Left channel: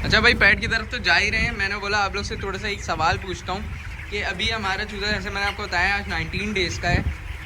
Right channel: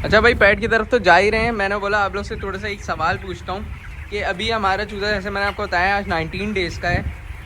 अच्छा भाई, पेट की तरफ तो जा ही रहे हैं। मैंने बोला आप लोग से थोड़ा सा एक सवाल पूछता हूँ कि अभी हमारा चूज़ा, जैसे मैंने आपको बताया, आज 19 डेज़ का है।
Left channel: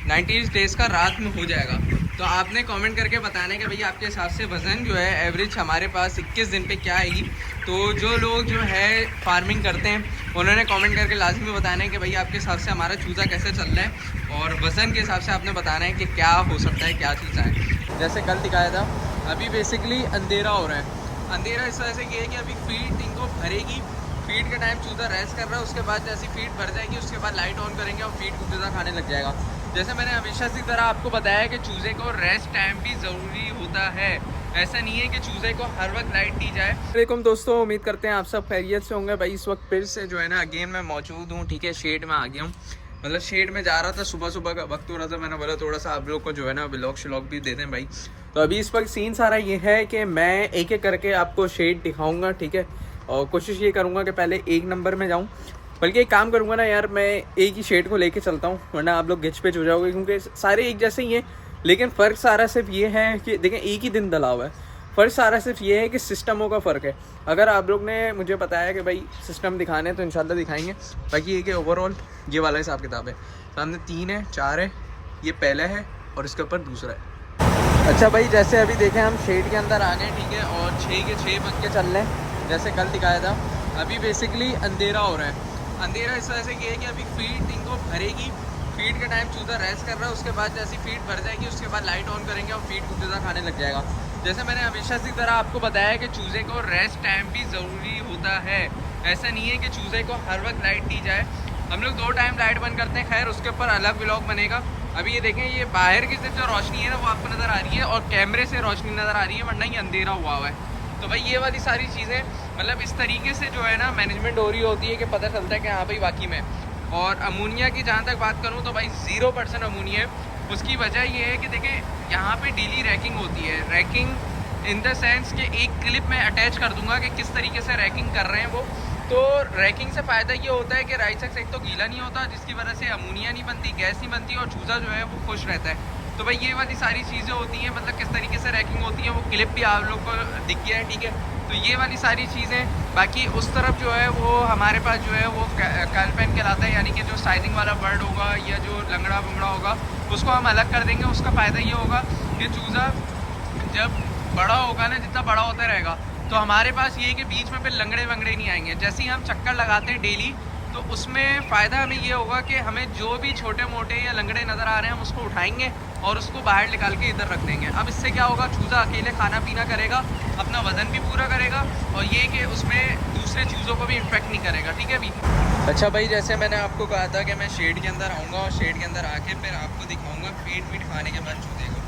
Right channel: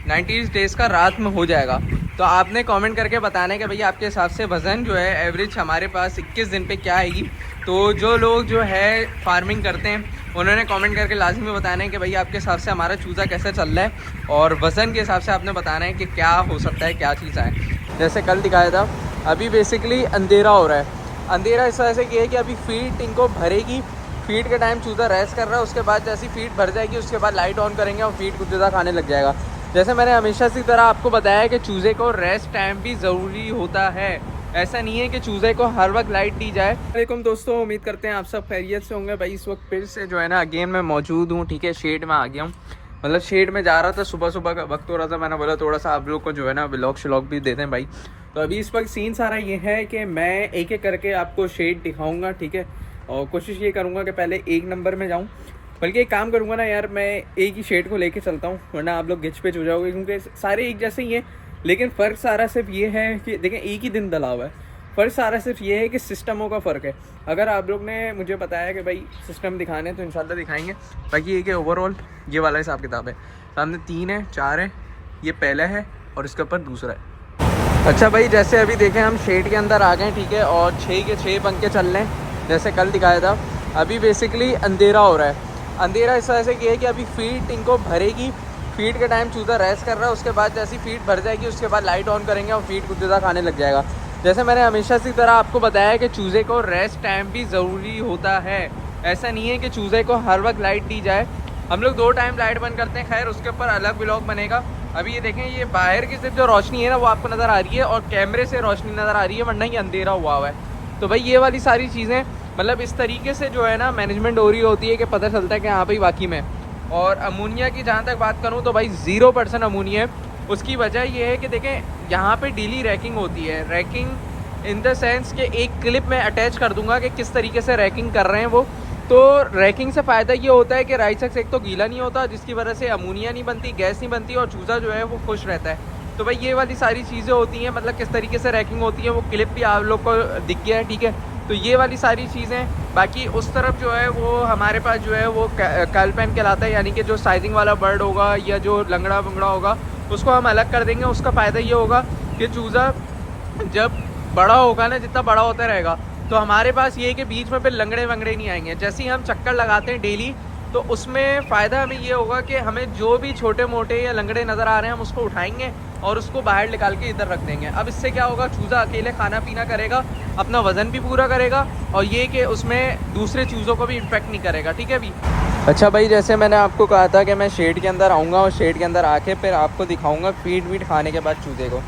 19 डेज़ का रात में हो जाएगा। तो आपने कमेंट करके बताना है कि भाई आपके हिसाब से वज़न जो है एवरेज हमारे पास 21 दिन पे क्या आएगी। तो जो लोग जो है फार्मिंग करते हैं उन्होंने कमेंट करके लाजमी बताना है कि भाई आपके हिसाब से हमारा चूज़ा कैसे चल रहा है, और वज़न के हिसाब से आपने बताना है कि क्या हो सकता है, क्या चीज़ है। जैसे कल दिखाया था, अभी बेसिकली अंधेरा हो रहा है। अंधेरा इस वजह से किया है कि अभी फीड इनको भरेगी। फीड के टाइम चूज़ा रेस्ट कर रहा है, उसके बाद जैसी फीड भर जाएगी उसके बाद लाइट ऑन करेंगे और फीड कुछ ज़्यादा खाने लग जाएगा। जैसे मैंने हमेशा की तरह आपको बताया है कि चूज़े को रेस्ट टाइम भी ज़रूरी होता है। ऐसा नहीं है कि चूज़े को हर वक्त लाइट दी जाए। वालेकुम दोस्तों, उम्मीद करते हैं आप सब खैरियत से होंगे। भाई इस वक्त फिर से जो है ना अगेन मैं मौजूद हूँ, ठीक है। शेड में आ गया हूँ, मतलब शेड में जा रहा था, सुबह सुबह का वक्त हो रहा था। मैंने बोला थोड़ा सा आप लोग को जो है ना व्लॉग श्लॉग भी देते हैं भाई। तो अभी इस वक्त सीन सारा ये है कि मैं एक एक करके आपको शेड दिखाऊंगा, ठीक है। और कोशिश ये करूंगा कि पहले 1 नंबर में जाऊं। बल्कि एक काम करूंगा ना यार, मैं एक ही शेड को लेके चलता हूं, वरना आप लोग गिच पिच हो जाओगे, क्योंकि सारे एक जैसे ही हैं। लेकिन फ़र्क सारा सिर्फ ये है कि देखें, एक ही दिन डला हुआ है। फ़र्क सारा सिर्फ ये है कि सिस्टमों का फ़र्क है। अगर आप लोग ने मुझे बताया कि भाई सिस्टम दिखाने हैं तो इंशाल्लाह दिखाएंगे। बाकी ये कि ओवरऑल ये वाला हिसाब किताब है। सामने 3 है, 4 है, ये पहला है और इसके ऊपर दूसरा है। अच्छा भाई, जैसे अभी देखें हम शेड के अंदर आ गए, ठीक है। और 6 के 6 बन के चल रहे हैं, जैसे कल दिखाया था। अभी बेसिकली अंधेरा हो रहा है। अंधेरा इस वजह से किया है कि अभी फीड इनको भरेगी। फीड के टाइम चूज़ा रेस्ट कर रहा है, उसके बाद जैसी फीड भर जाएगी उसके बाद लाइट ऑन करेंगे और फीड कुछ ज़्यादा खाने लग जाएगा। जैसे मैंने हमेशा की तरह आपको बताया है कि चूज़े को रेस्ट टाइम भी ज़रूरी होता है। ऐसा नहीं है कि चूज़े को हर वक्त लाइट दी जाए। हम लोग 2 टाइम लाइट बंद करते हैं, खैर उसके ऊपर अलग व्लॉग बनेगा। अभी ये देखें, ये बाहर की सिर्फ जो रोशनी है ना वो आपको नज़र आ रही है और कैमरे से रोशनी नज़र आ रही है, वरना ये अंधेरा हुआ है। तो भाई ये वाली सारी चीज़ें मतलब इस तरीके से जो है ना मैनेजमेंट हो रही होती है कि पता चलता है कि हाँ भाई वाकई में। और अमोनिया की जहाँ तक बात करूँ तो भाई 0% अमोनिया है। उसकी वजह ये है कि देखें, यहाँ पे डेली रैकिंग होती है। रैकिंग इन द सेंस कि एक क्लिप में अटैच कर दूंगा कि किस तरीके से रैकिंग कर रहे हैं वो। तो रैकिंग से फ़ायदा ये होता है कि राइस एक तो गीला नहीं होता, जिसकी वजह से अमोनिया नहीं बनती, गैस नहीं बनती और चूज़ा जो है वो खुश रहता है। तो भाई ये वाली सारी चीज़ें होती हैं, मतलब किस तरीके से रैकिंग होती है वो क्लिप भी आप लोग को दिख गया है, ठीक है। तो ये वाली सारी चीज़ें। बाकी उस तरफ जो है वो हमारे पास जो है वो कैलपेन कहलाता है, यानी कि जो साइजिंग वाला बर्ड होगा या जो लंगड़ा बंगड़ा होगा उसको हम अलग कर देंगे। उसका फ़ायदा ये होगा कि चूज़ा जब बड़ा होगा ना, जितना बड़ा होता रहेगा, तो हमारे पास ये है कि बीच में फिर लंगड़े वंगड़े नहीं आएंगे। जैसे ही हम चक्कर लगाते हैं डेली, तो उसमें फ़ायदा हमें ये होगा कि हमें जो भी छोटे मोटे या लंगड़े नज़र आ रहे हैं हम उसको उठाएंगे और उसको बाहर निकाल के इधर रख देंगे। अब इससे क्या होगा, चूज़ा अकेले खाना पीना करेगा, अपना वज़न भी पूरा करेगा और ये कि उसमें दूसरे चूज़ों को भी इन्फेक्ट नहीं करेगा, ठीक है भी। अच्छा भाई, जैसे मैंने आपको कहा था कि मैं शेड के अंदर आऊँगा और शेड के अंदर आके फिर आपको दिखाऊँगा फीड वीड खाने के बाद चूज़े को।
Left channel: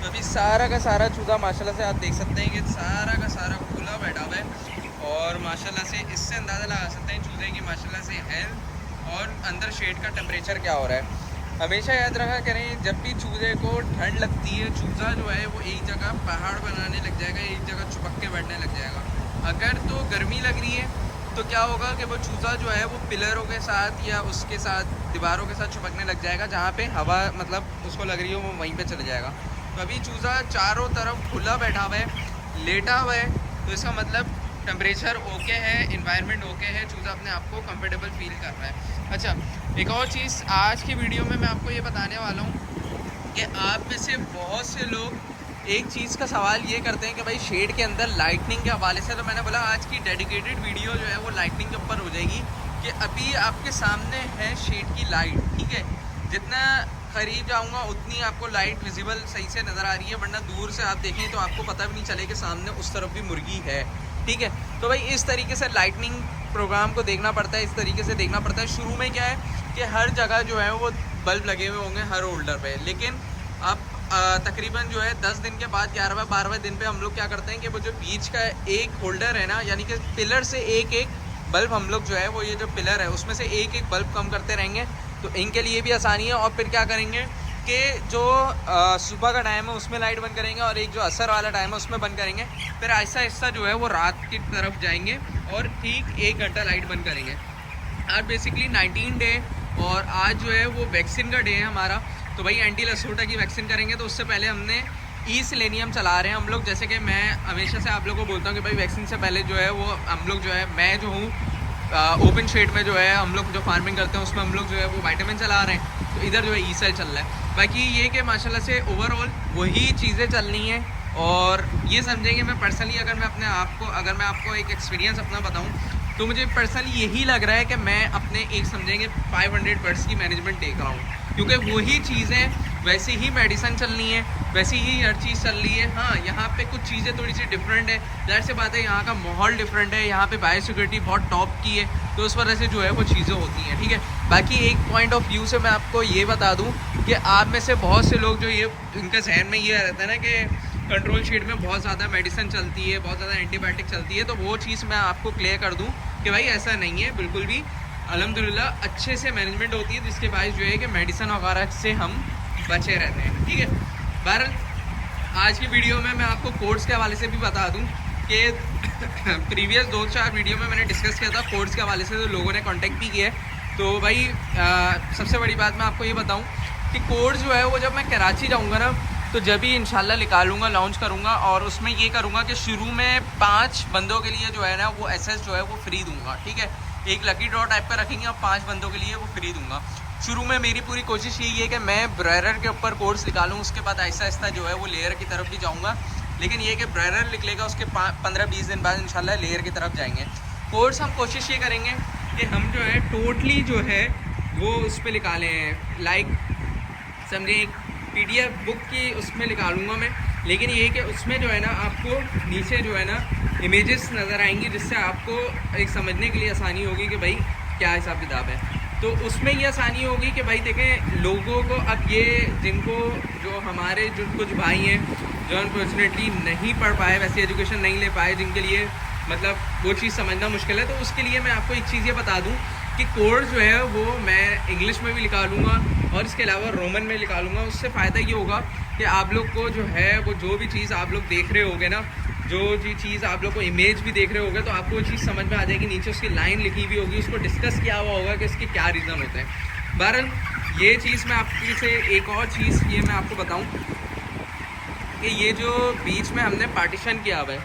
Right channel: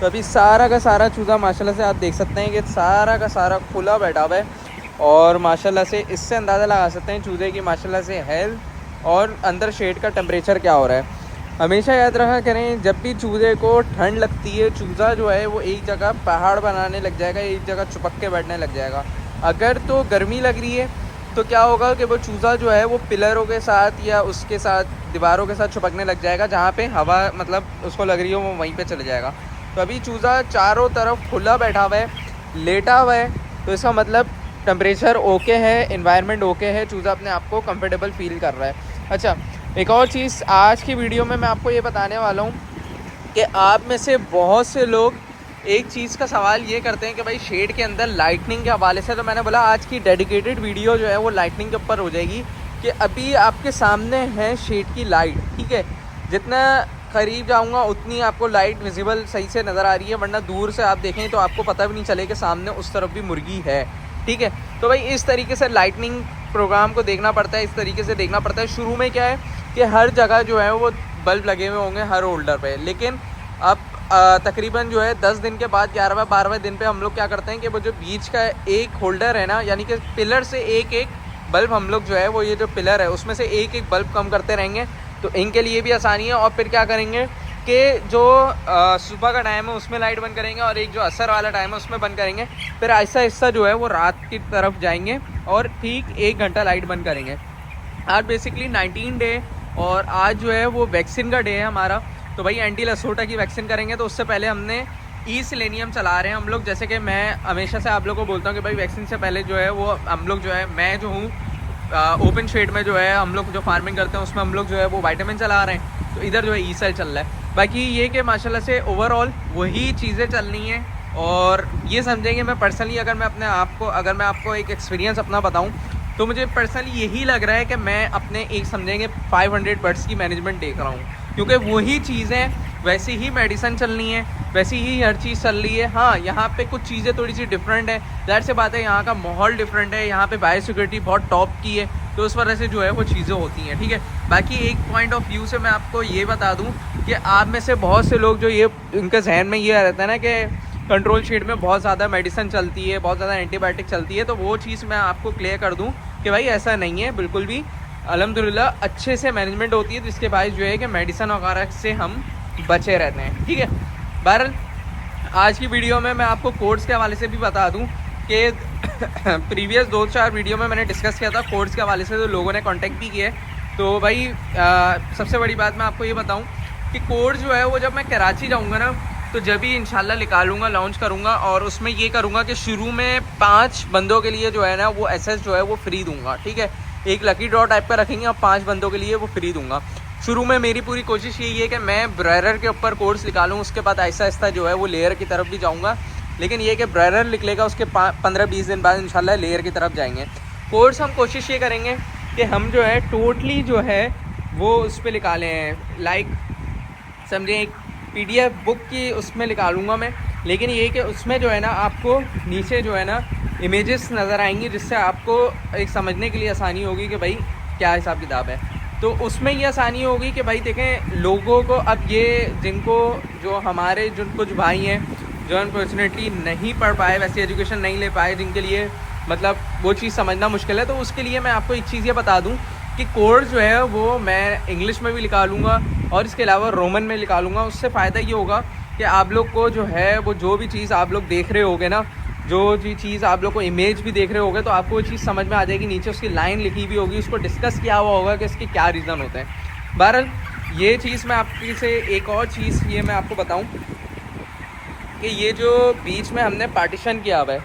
तो अभी सारा का सारा चूज़ा माशाल्लाह से आप देख सकते हैं कि सारा का सारा खुला बैठा हुआ है। और माशाल्लाह से इससे अंदाज़ा लगा सकते हैं चूज़े की माशाल्लाह से हेल्थ और अंदर शेड का टेम्परेचर क्या हो रहा है। हमेशा याद रखा करें, जब भी चूज़े को ठंड लगती है, चूज़ा जो है वो एक जगह पहाड़ बनाने लग जाएगा, एक जगह चिपक के बैठने लग जाएगा। अगर तो गर्मी लग रही है तो क्या होगा कि वो चूज़ा जो है वो पिलरों के साथ या उसके साथ दीवारों के साथ चिपकने लग जाएगा, जहाँ पे हवा मतलब उसको लग रही हो वो वहीं पे चले जाएगा। तो अभी चूज़ा चारों तरफ खुला बैठा हुआ है, लेटा हुआ है, तो इसका मतलब टेम्परेचर ओके है, एनवायरनमेंट ओके है, चूज़ा अपने आप को कंफर्टेबल फील कर रहा है। अच्छा, एक और चीज़ आज की वीडियो में मैं आपको ये बताने वाला हूँ कि आप में से बहुत से लोग एक चीज़ का सवाल ये करते हैं कि भाई शेड के अंदर लाइटनिंग के हवाले से। तो मैंने बोला आज की डेडिकेटेड वीडियो जो है वो लाइटनिंग के ऊपर हो जाएगी कि अभी आपके सामने है शेड की लाइट, ठीक है। जितना करीब जाऊंगा उतनी आपको लाइट विजिबल सही से नज़र आ रही है, वरना दूर से आप देखें तो आपको पता भी नहीं चले कि सामने उस तरफ भी मुर्गी है, ठीक है। तो भाई इस तरीके से लाइटनिंग प्रोग्राम को देखना पड़ता है, इस तरीके से देखना पड़ता है। शुरू में क्या है कि हर जगह जो है वो बल्ब लगे हुए होंगे हर होल्डर पे, लेकिन अब तकरीबन जो है 10 दिन के बाद 11वें 12वें दिन पे हम लोग क्या करते हैं कि वो जो बीच का एक होल्डर है ना, यानी कि पिलर से एक एक बल्ब हम लोग जो है वो ये जो पिलर है उसमें से एक एक बल्ब कम करते रहेंगे, तो इनके लिए भी आसानी है। और फिर क्या करेंगे कि जो सुबह का टाइम है उसमें लाइट बंद करेंगे और एक जो असर वाला टाइम है उसमें बंद करेंगे। फिर आहिस्ता आहिस्ता जो है वो रात की तरफ जाएंगे और ठीक 1 घंटा लाइट बंद करेंगे। आज बेसिकली 19 डे और आज जो है वो वैक्सीन का डे है हमारा। तो भाई एंटी लसोटा की वैक्सीन करेंगे, तो उससे पहले हमने ई सेलेनियम चला रहे हैं हम लोग। जैसे कि मैं हमेशा से आप लोग को बोलता हूँ कि भाई वैक्सीन से पहले जो है वो हम लोग जो है, मैं जो हूँ ओपन शेड में जो है हम लोग जो फार्मिंग करते हैं उसमें हम लोग जो है वो विटामिन चला रहे हैं, तो इधर जो है ई सेल चल रहा है। बाकी ये कि माशाल्लाह से ओवरऑल वही चीज़ें चल रही हैं। और ये समझेंगे, मैं पर्सनली अगर मैं अपने आप को, अगर मैं आपको एक एक्सपीरियंस अपना बताऊँ तो मुझे पर्सनली यही लग रहा है कि मैं अपने एक समझेंगे 500 बर्ड्स की मैनेजमेंट देख रहा हूँ, क्योंकि वही चीज़ें वैसी ही मेडिसिन चल रही है, वैसी ही हर चीज़ चल रही है। हाँ, यहाँ पे कुछ चीज़ें थोड़ी सी डिफरेंट है, जाहिर सी बात है यहाँ का माहौल डिफरेंट है, यहाँ पे बायोसिक्योरिटी बहुत टॉप की है, तो उस वजह से जो है वो चीज़ें होती हैं। ठीक है, बाकी एक पॉइंट ऑफ व्यू से मैं आपको ये बता दूँ कि आप में से बहुत से लोग जो ये इनके जहन में ये रहता है ना कि कंट्रोल शीट में बहुत ज़्यादा मेडिसिन चलती है, बहुत ज़्यादा एंटीबायोटिक चलती है, तो वो चीज़ मैं आपको क्लियर कर दूँ कि भाई ऐसा नहीं है बिल्कुल भी। अल्हम्दुलिल्लाह अच्छे से मैनेजमेंट होती है, जिसके बायस जो है कि मेडिसिन वगैरह से हम बचे रहते हैं। ठीक है, बहरहाल आज की वीडियो में मैं आपको कोड्स के हवाले से भी बता दूं कि प्रीवियस 2-4 वीडियो में मैंने डिस्कस किया था कोड्स के हवाले से, तो लोगों ने कांटेक्ट भी किया है। तो भाई सबसे बड़ी बात मैं आपको ये बताऊं कि कोड जो है वो जब मैं कराची जाऊंगा ना, तो जब भी इंशाल्लाह निकालूंगा, लॉन्च करूंगा, और उसमें ये करूंगा कि शुरू में 5 बंदों के लिए जो है ना वो एसएस जो है वो फ्री दूंगा। ठीक है, एक लकी ड्रॉ टाइप का रखेंगे और 5 बंदों के लिए वो फ्री दूंगा। शुरू में मेरी पूरी कोशिश यही है कि मैं ब्रेरर के ऊपर कोर्स निकालूँ, उसके बाद आहिस्ता आहिस्ता जो है वो लेयर की तरफ भी जाऊँगा। लेकिन ये कि ब्रेरर निकलेगा, उसके 15-20 दिन बाद इंशाल्लाह लेयर की तरफ जाएंगे। कोर्स हम कोशिश ये करेंगे कि हम जो है टोटली जो है वो उस पर निकालें, लाइक समझें एक PDF बुक की उसमें निकालूंगा मैं। लेकिन ये कि उसमें जो है ना आपको नीचे जो है ना इमेजेस नज़र आएंगी, जिससे आपको एक समझने के लिए आसानी होगी कि भाई क्या हिसाब किताब है। तो उसमें ये आसानी होगी कि भाई देखें लोगों को, अब ये जिनको जो हमारे जो कुछ भाई हैं जो अनफॉर्चुनेटली नहीं पढ़ पाए, वैसी एजुकेशन नहीं ले पाए, जिनके लिए मतलब वो चीज़ समझना मुश्किल है, तो उसके लिए मैं आपको एक चीज़ ये बता दूं कि कोर्स जो है वो मैं इंग्लिश में भी निकालूंगा और इसके अलावा रोमन में निकालूंगा। उससे फ़ायदा ये होगा कि आप लोग को जो है वो जो भी चीज़ आप लोग देख रहे होगे ना, जो जी चीज़ आप लोग को इमेज भी देख रहे होगे, तो आपको वो चीज़ समझ में आ जाएगी। नीचे उसकी लाइन लिखी हुई होगी, उसको डिस्कस किया हुआ होगा कि इसके क्या रीज़न होते हैं। बहरहाल ये चीज़ मैं आपकी से एक और चीज़ ये मैं आपको बताऊं कि ये जो बीच में हमने पार्टीशन किया हुआ है,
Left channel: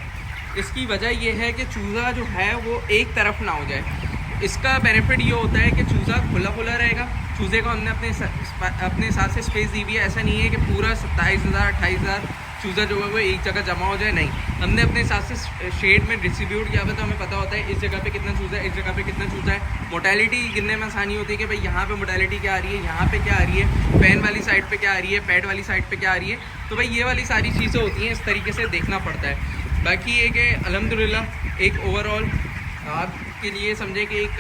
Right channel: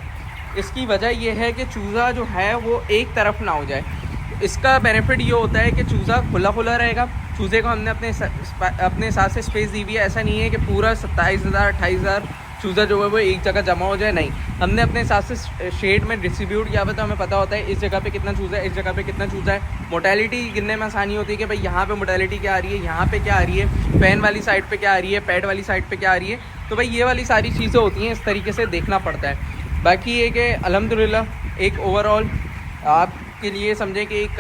इसकी वजह ये है कि चूज़ा जो है वो एक तरफ ना हो जाए। इसका बेनिफिट ये होता है कि चूज़ा खुला खुला रहेगा। चूज़े को हमने अपने हिसाब से स्पेस दी हुई है, ऐसा नहीं है कि पूरा 27,000 28,000 चूज़ा जो है वो एक जगह जमा हो जाए, नहीं, हमने अपने हिसाब से शेड में डिस्ट्रीब्यूट किया हुआ, तो हमें पता होता है इस जगह पे कितना चूज़ा है, इस जगह पे कितना चूज़ा है। मोटेलिटी गिनने में आसानी होती है कि भाई यहाँ पे मोटेलिटी क्या आ रही है, यहाँ पे क्या आ रही है, पैन वाली साइड पे क्या आ रही है, पैड वाली साइड पे क्या आ रही है। तो भाई ये वाली सारी चीज़ें होती हैं, इस तरीके से देखना पड़ता है। बाकी ये कि अल्हम्दुलिल्लाह एक ओवरऑल आपके लिए समझे कि एक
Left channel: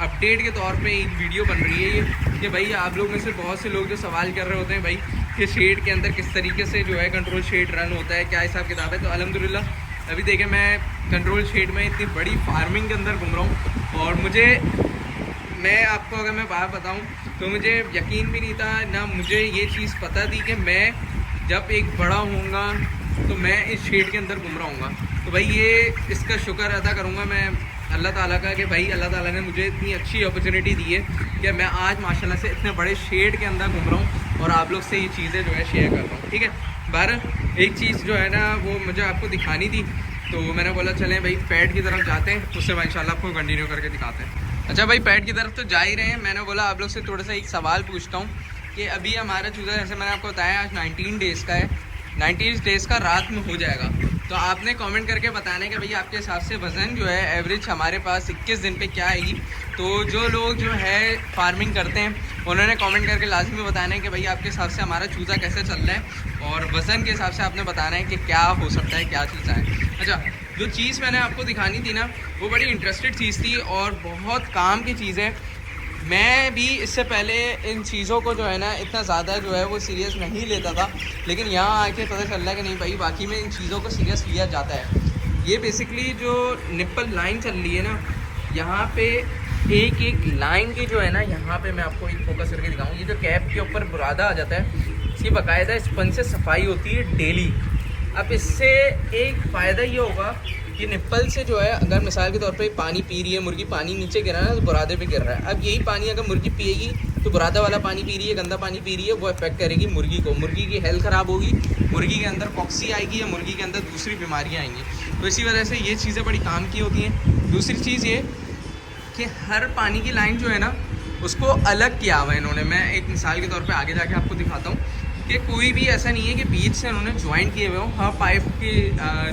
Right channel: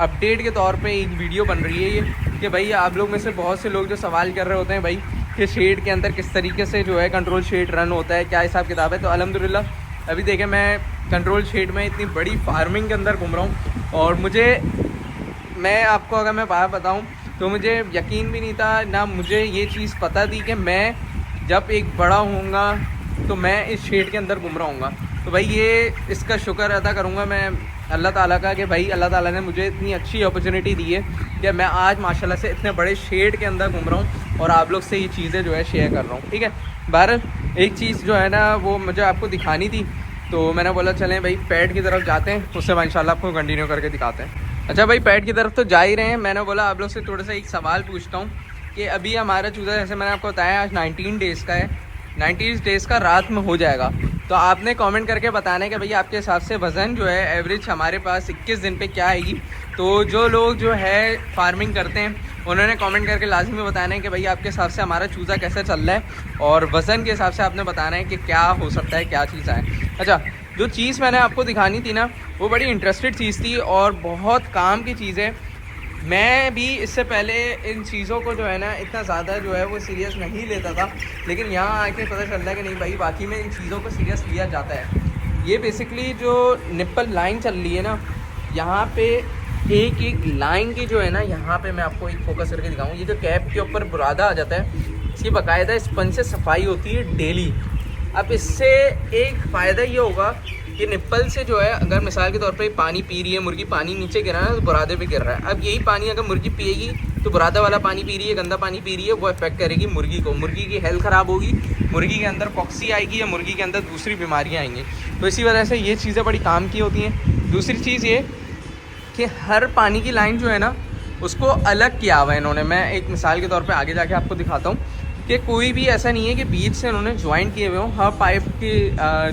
अपडेट के तौर पे एक वीडियो बन रही है ये, कि भाई आप लोग में से बहुत से लोग जो सवाल कर रहे होते हैं भाई कि शेड के अंदर किस तरीके से जो है कंट्रोल शेड रन होता है, क्या हिसाब किताब है। तो अल्हम्दुलिल्लाह अभी देखें मैं कंट्रोल शेड में इतनी बड़ी फार्मिंग के अंदर घूम रहा हूँ, और मैं आपको अगर मैं बात बताऊँ तो मुझे यकीन भी नहीं था ना, मुझे ये चीज़ पता थी कि मैं जब एक बड़ा होऊंगा तो मैं इस शेड के अंदर घूम रहा हूँगा। तो भाई ये इसका शुक्र अदा करूँगा मैं अल्लाह ताला का कि भाई अल्लाह ताला ने मुझे इतनी अच्छी अपॉर्चुनिटी दी है कि मैं आज माशाल्लाह से इतने बड़े शेड के अंदर घूम रहा हूँ और आप लोग से ये चीज़ें जो है शेयर कर रहा हूँ। ठीक है, बहरहाल एक चीज़ जो है ना वो मुझे आपको दिखानी थी, तो मैंने बोला चलें भाई पैड की तरफ जाते हैं, उससे मैं इंशाल्लाह आपको कंटिन्यू करके दिखाते हैं। अच्छा भाई पैड की तरफ तो जा ही रहे हैं, मैंने बोला आप लोग से थोड़ा सा एक सवाल पूछता हूँ कि अभी हमारा चूज़ा जैसे मैंने आपको बताया आज 19 डेज़ का है, 90 डेज़ का रात में हो जाएगा। तो आपने कमेंट करके बताना है कि भैया आपके हिसाब से वज़न जो है एवरेज हमारे पास 21 दिन पे क्या आएगी। तो जो लोग जो है फार्मिंग करते हैं उन्होंने कमेंट करके लाजमी बताना है कि भैया आपके हिसाब से हमारा चूज़ा कैसे चल रहा है, और वज़न के हिसाब से आपने बताना है कि क्या हो सकता है, क्या चीज़ आए। अच्छा, जो चीज़ मैंने आपको दिखानी थी ना वो बड़ी इंटरेस्टेड चीज़ थी और बहुत काम की चीज़ है। मैं भी इससे पहले इन चीज़ों को जो है ना इतना ज़्यादा जो है वो सीरियस नहीं लेता था, लेकिन यहाँ आके पता चल रहा है कि नहीं भाई वाकई में इन चीज़ों को सीरियस लिया जाता है। ये बेसिकली जो निप्पल लाइन चल रही है ना, यहाँ पे एक एक लाइन की जो है ना, यहाँ पे मैं आपको एक फोकस करके दिखाऊँ, ये जो कैप के ऊपर बुरादा आ जाता है, इसकी बाकायदा स्पंज से सफाई होती है डेली। अब इससे एक फ़ायदा ये होगा कि निप्पल से जो है अगर मिसाल के तौर पे पानी पी रही है मुर्गी, पानी नीचे गिरा है तो बुरादे पे गिर रहा है। अब यही पानी अगर मुर्गी पिएगी तो बुरादा वाला पानी पी रही है, गंदा पानी पी रही है, वो इफेक्ट करेगी मुर्गी को, मुर्गी की हेल्थ ख़राब होगी, मुर्गी के अंदर पॉक्सी आएगी या मुर्गी के अंदर दूसरी बीमारियाँ आएंगी। तो इसी वजह से ये चीज़ें बड़ी काम की होती हैं। दूसरी चीज़ ये कि हर पानी की लाइन जो है ना उसको अलग किया हुआ है इन्होंने। मैं एक मिसाल के तौर पे आगे जाके आपको दिखाता हूँ कि कोई भी ऐसा नहीं है कि बीच से इन्होंने ज्वाइन किए हुए हों। हर पाइप की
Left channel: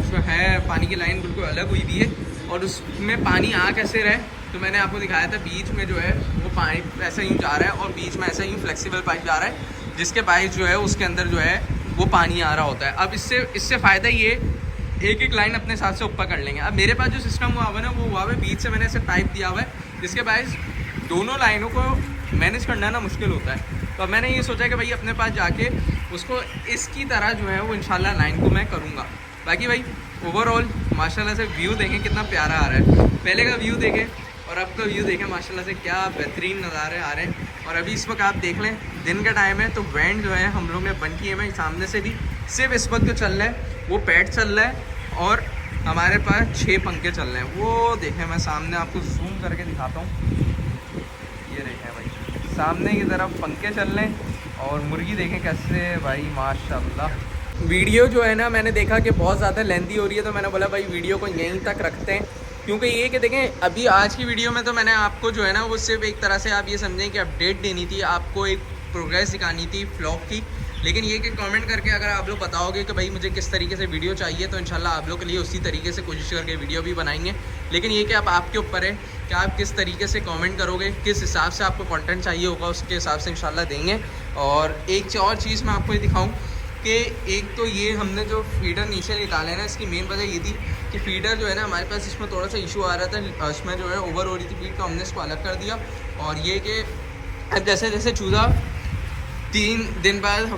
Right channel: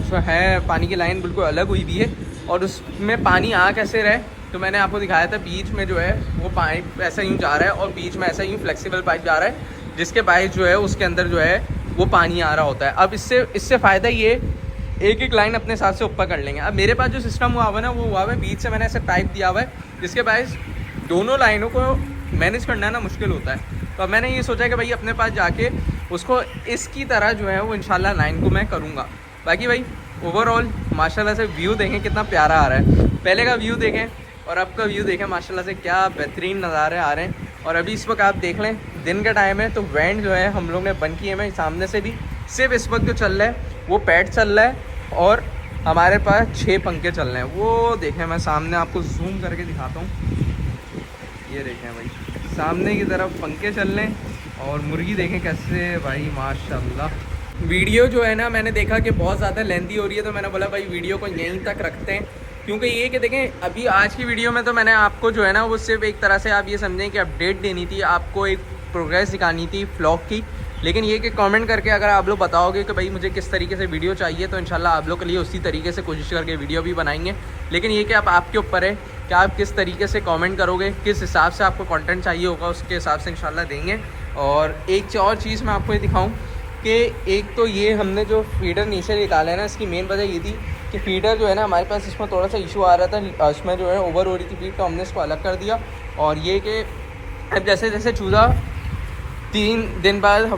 जो है पानी की लाइन बिल्कुल अलग हुई हुई है और उसमें पानी आ कैसे रहे तो मैंने आपको दिखाया था। बीच में जो है वो पाइप ऐसा यूँ जा रहा है और बीच में ऐसा यूँ फ्लेक्सिबल पाइप जा रहा है जिसके पाइप जो है उसके अंदर जो है वो पानी आ रहा होता है। अब इससे फ़ायदा ये एक एक लाइन अपने हिसाब से ऊपर कर लेंगे। अब मेरे पास जो सिस्टम हुआ हुआ है ना वो हुआ हुआ है बीच से मैंने ऐसे पाइप दिया हुआ है जिसके पास दोनों लाइनों को मैनेज करना ना मुश्किल होता है। तो अब मैंने ये सोचा कि भाई अपने पास जाके उसको इसकी तरह जो है वो इंशाल्लाह लाइन को मैं करूँगा। बाकी भाई ओवरऑल माशाल्लाह से व्यू देखें कितना प्यारा आ रहा है। पहले का व्यू देखें और अब का व्यू देखें माशाल्लाह से क्या बेहतरीन नज़ारे आ रहे हैं। और अभी इस वक्त आप देख लें दिन का टाइम है तो वैन जो है हम लोग ने बंद किए हैं सामने से भी। सिर्फ इस वक्त जो चल रहा है वो पैड चल रहा है और हमारे पास 6 पंखे चल रहे हैं। वो देखें मैं सामने आपको जूम करके दिखाता हूँ। ये देखें भाई सामने की तरफ पंखे चल रहे हैं और मुर्गी देखें कैसे भाई माशाल्लाह। वीडियो जो है ना मैंने देखा कि बहुत ज़्यादा लेंथी हो रही है तो मैंने बोला भाई वीडियो को यहीं तक रखते हैं। क्योंकि ये कि देखें अभी आज की वीडियो में तो मैंने आपको जो है ना वो सिर्फ एक तरह से आप ये समझें कि अपडेट देनी थी, आपको एक प्रोग्रेस दिखानी थी व्लॉग की। लेकिन ये कि कमेंट करके अगर आप लोग बताओगे कि भाई मुझे किस तरीके से वीडियो चाहिए तो इंशाल्लाह आप लोग के लिए उसी तरीके से कोशिश करके वीडियो भी बनाएंगे। लेकिन ये कि आप आपके ऊपर है कि आप किस तरीके से कमेंट करोगे, किस हिसाब से आपको कंटेंट चाहिए होगा उसके हिसाब से इंशाल्लाह देंगे। और एक और चीज़ मैं आपको ये दिखाऊँ कि एक तो ये हमने जो फीडर नीचे निकाला है ना इसकी मेन वजह ये थी कि फीडर जो है ना हमारे पास इसमें थोड़ा सा इशू आ रहा था, इसमें जो है ओवर हो रही थी फीड तो हमने इसको अलग कर दिया। और ये कि अब जैसे जैसे चूज़ा 3 दिन बाद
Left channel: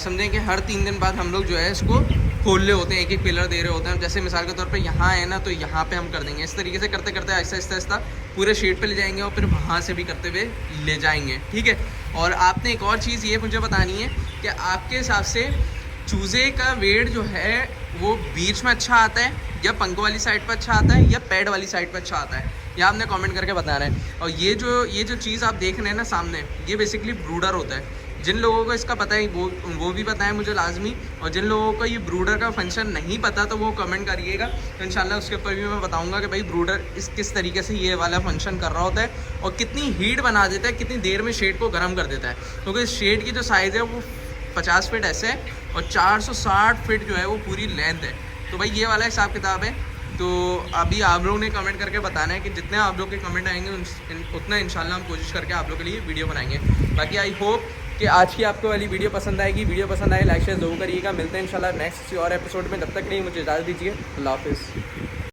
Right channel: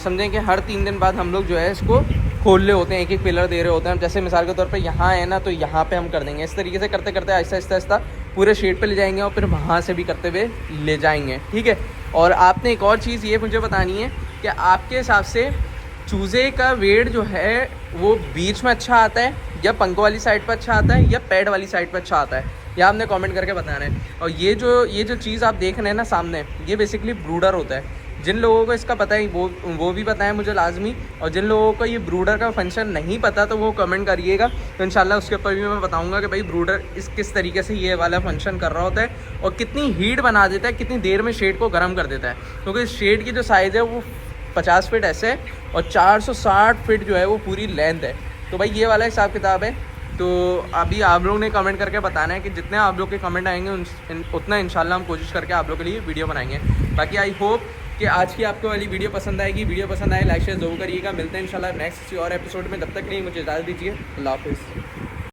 समझें कि हर 3 दिन बाद हम लोग जो है इसको खोल रहे होते हैं, एक एक पिलर दे रहे होते हैं। जैसे मिसाल के तौर पे यहाँ है ना तो यहाँ पे हम कर देंगे। इस तरीके से करते करते आहिस्ता आहिस्ता आहिस्ता पूरे शेड पे ले जाएंगे और फिर वहाँ से भी करते हुए ले जाएंगे, ठीक है। और आपने एक और चीज़ ये मुझे बतानी है कि आपके हिसाब से चूज़े का वेट जो है वो बीच में अच्छा आता है या पंखों वाली साइड पर अच्छा आता है या पैड वाली साइड पर अच्छा आता है, यह आपने कमेंट करके बताना है। और ये जो चीज़ आप देख रहे हैं ना सामने ये बेसिकली ब्रूडर होता है। जिन लोगों को इसका पता है वो भी बताएं मुझे लाजमी, और जिन लोगों को ये ब्रूडर का फंक्शन नहीं पता तो वो कमेंट करिएगा तो इंशाल्लाह उसके ऊपर भी मैं बताऊंगा कि भाई ब्रूडर किस तरीके से ये वाला फंक्शन कर रहा होता है और कितनी हीट बना देता है, कितनी देर में शेड को गर्म कर देता है। क्योंकि शेड की जो साइज़ है वो 50 फीट ऐसे है और 460 फीट जो है वो पूरी लेंथ है। तो भाई ये वाला हिसाब किताब है। तो अभी आप लोग ने कमेंट करके बताना है कि जितने आप लोग के कमेंट आएंगे उतना इंशाल्लाह हम कोशिश करके आप लोग के लिए वीडियो बनाएंगे। बाकी आई होप कि आज की आपको वाली वीडियो पसंद आएगी। वीडियो पसंद आए लाइक शेयर जरूर करिएगा। मिलते हैं इंशाल्लाह नेक्स्ट किसी और एपिसोड में। तब तक के लिए मुझे इजाज़त दीजिए। अल्लाह हाफिज़।